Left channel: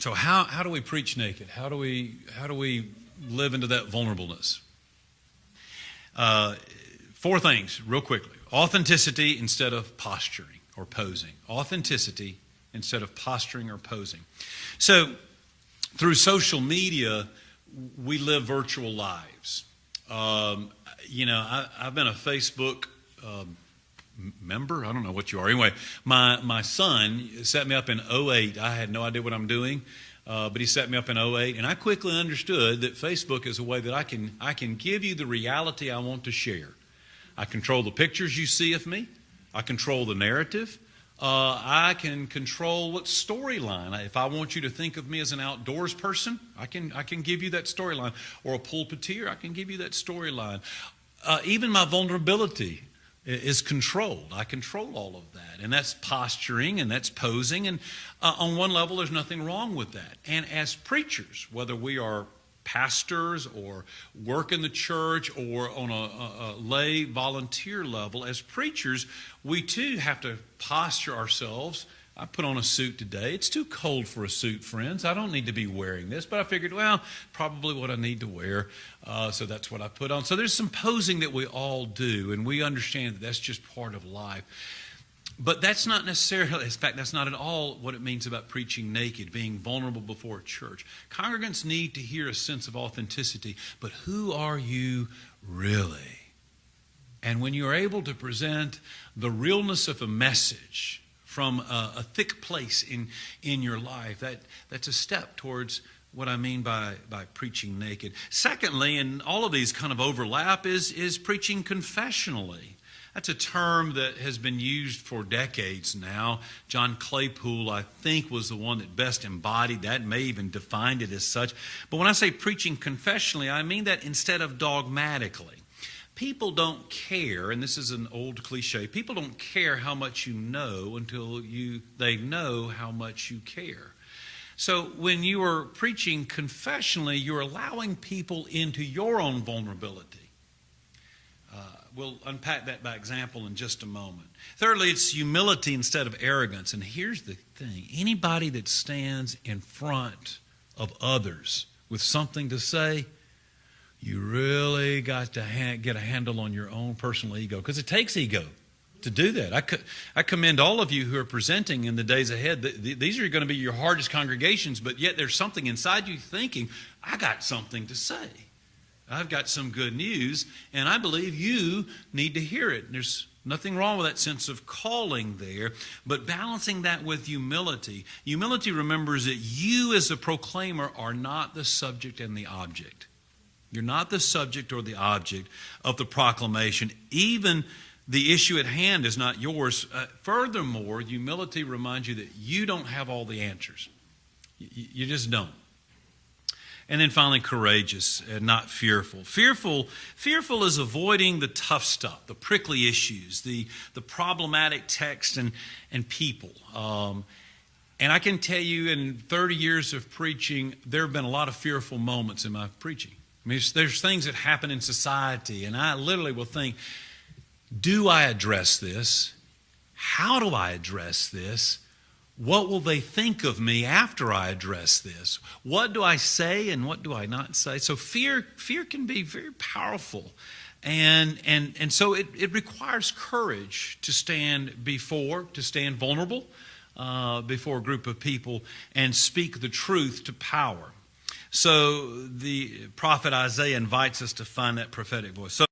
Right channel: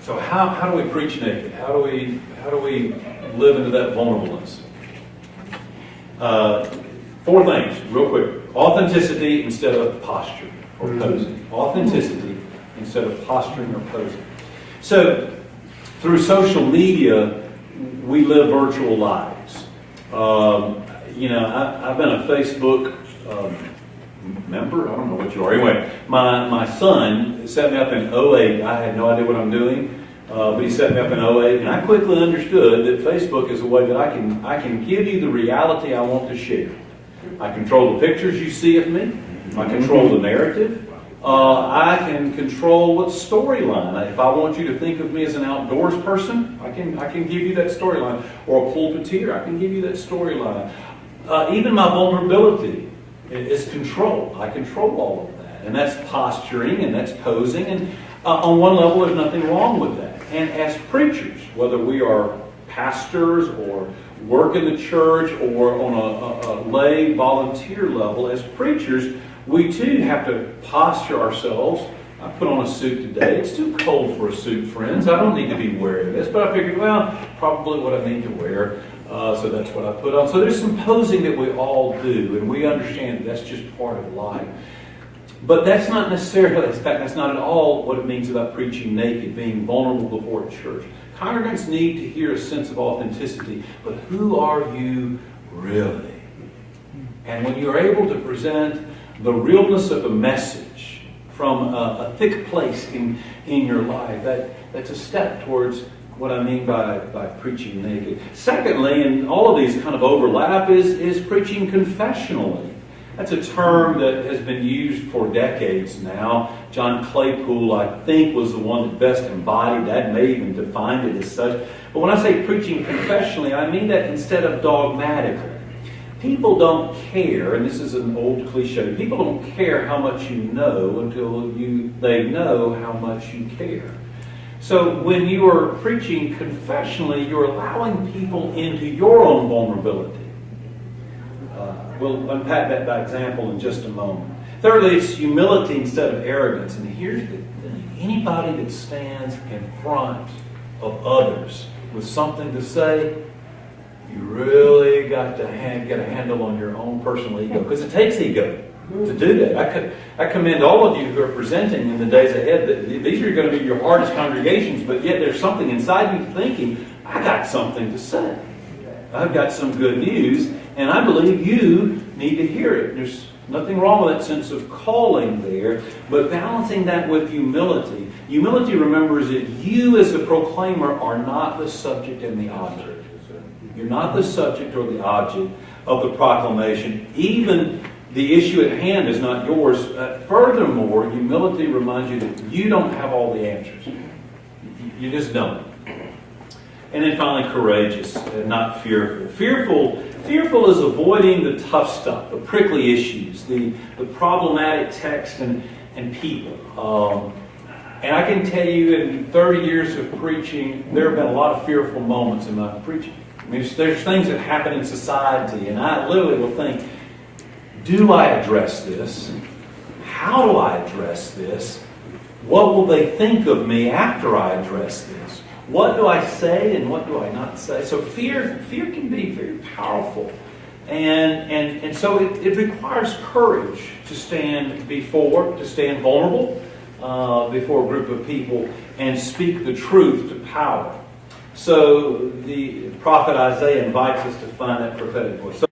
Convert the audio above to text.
So how do we preach naked? How do we live into that vulnerableness? 4 things, real quick. Authenticity instead of posture or posing. Authenticity instead of posturing or posing. So, through social media, we live virtual lives. I've been a Facebook member. I don't know what you are. Anyway, my son set me up in 2008. I had no idea what I'm doing, but he set me up in 2008, and I quickly understood that Facebook is a way that I can give you the reality I want to share. I control the pictures you see of me. I control the narrative. I can control what storyline. If I want you to think of me as an outdoors person, I can give you that storyline. Or a pulpiteer, I can give you that storyline. Even my vulnerability is control. I control all of that. And that's posturing and that's posing. And on one level, there's nothing wrong with that. And as preachers, whether we are pastors or work in the church or on a lay volunteer level, as preachers, we too have to posture ourselves. I put on a suit today. It's too cold for a suit, friends. I don't need to be wearing this. But I figured, well, probably what I need to wear. So that's what I put on. So there's some posing that we all do. And we understand that's just part of life. But that's not necessarily, in fact, that's not at all what it means about preaching naked, being vulnerable before a church. Congregants need to hear a sense of authenticity. But who are you really? And when you're able to present the realness of a message from a thick place in your life, that's a step towards what I mean by preaching naked. Secondly, and all of these kind of overlap, is preaching confessionally. That's a term that has been used for decades now. John Claypool, I think, was the one that best embodied that, may even defined it as such. But when I say preaching confessionally, I mean that instead of dogmatically. People don't care, and this is an old cliche, people don't care how much you know until they know how much you care. So when you are preaching confessionally, you're allowing people into your own vulnerability. We'll unpack that by example in just a moment. Thirdly, it's humility instead of arrogance. And here's the thing. Anybody that stands in front of others with something to say, you really got to get a handle on your own personal ego. Because it takes ego to do that. I commend all of you who are presenting in the days ahead. These are going to be your hardest congregations, but yet there's something inside you thinking, I got something to say. I've got some good news, and I believe you need to hear it. There's nothing wrong with that sense of calling there, but balancing that with humility. Humility remembers that you as a proclaimer are not the subject and the object. You're not the subject or the object of the proclamation. Even the issue at hand is not yours. Furthermore, humility reminds you that you don't have all the answers. You just don't. And then finally, courageous and not fearful. Fearful is avoiding the tough stuff, the prickly issues, the problematic text and people. And I can tell you in 30 years of preaching, there have been a lot of fearful moments in my preaching. I mean, there's things that happen in society, and I literally will think, do I address this? How do I address this? What will they think of me after I address this? What do I say and what do I not say? So fear can be very powerful. And so it requires courage to stand vulnerable before a group of people and speak the truth to power. So the prophet Isaiah invites us to find that prophetic voice. So